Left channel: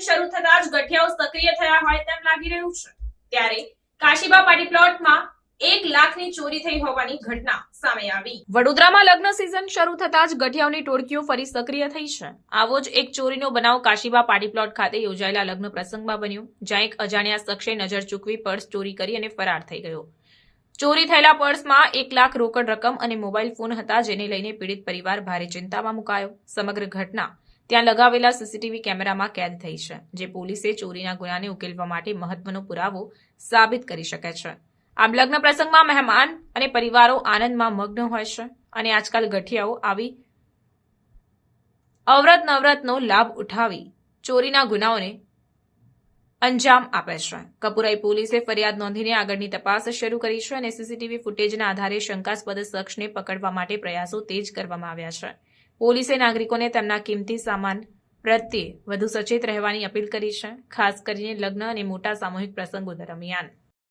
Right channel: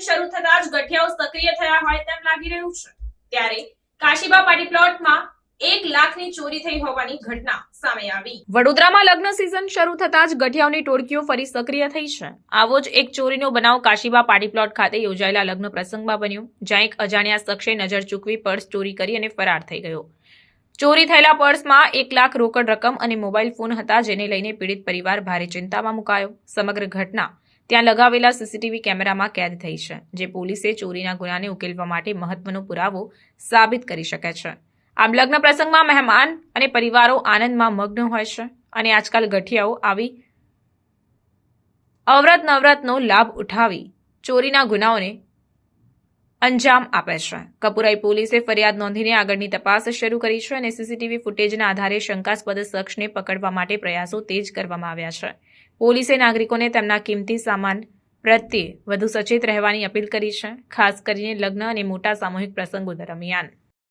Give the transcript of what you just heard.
સક્રિય થયા હોય તેમ લાગી રહ્યું છે. ત્યારે કાશીબા પાટી પ્લોટમાં એક લાખની ચોરી થઈ હોવાની ઘટના સામે આવી. વડોદરામાં લગ્ન સિઝન શરૂ થતા જ ગઠિયાઓની ટોળકીઓ ફરી સક્રિય થઈ છે. આવો જ એક ચોરીનો બનાવ કાશીબા પાડી પ્લોટ ખાતે યોજાયેલા લગ્ન પ્રસંગમાં બન્યો, જ્યાં એક અજાણ્યા શખ્સે નજર ચૂકવી પર્સ ચોરી કરી અને ફરાર થઈ ગયો. ચોરી થયેલા પર્સમાં એક લાખ રોકડ રકમ અને મોબાઈલ ફોન હતા, જેને લઈને પીડિત પરિવાર ભારે ચિંતામાં મુકાયો. સમગ્ર ઘટના ત્યાં લગાવેલા સીસીટીવી કેમેરામાં કેદ થઈ છે, જે પોલીસે ચોરીના ગુનાને ઉકેલવા માટે મહત્વનો પુરાવો સાબિત કરી શકે છે. આમ લગ્ન પ્રસંગમાં મહેમાન અને પરિવારો આનંદમાં મગ્ન હોય છે અને આજકાલ ગઠિયાઓ આવી અવરત નવરતનો લાભ ઉઠાવી ચોરીના ગુનાઓને અંજામ આપે છે. કપુરાઈ પોલીસે ફરિયાદ નોંધીને આગળની તપાસ શરૂ કરી છે અને સીસીટીવી ફૂટેજના આધારે શંકાસ્પદ શખ્સને પકડવા માટે પ્રયાસો તેજ કરવામાં આવ્યા છે. પોલીસે નાગરિકોને તેમના કિંમતી સામાન પ્રત્યે વધુ સચેત રહેવાની અપીલ કરી છે, ખાસ કરીને લગ્ન અને મોટા સામૂહિક પ્રસંગો દરમિયાન.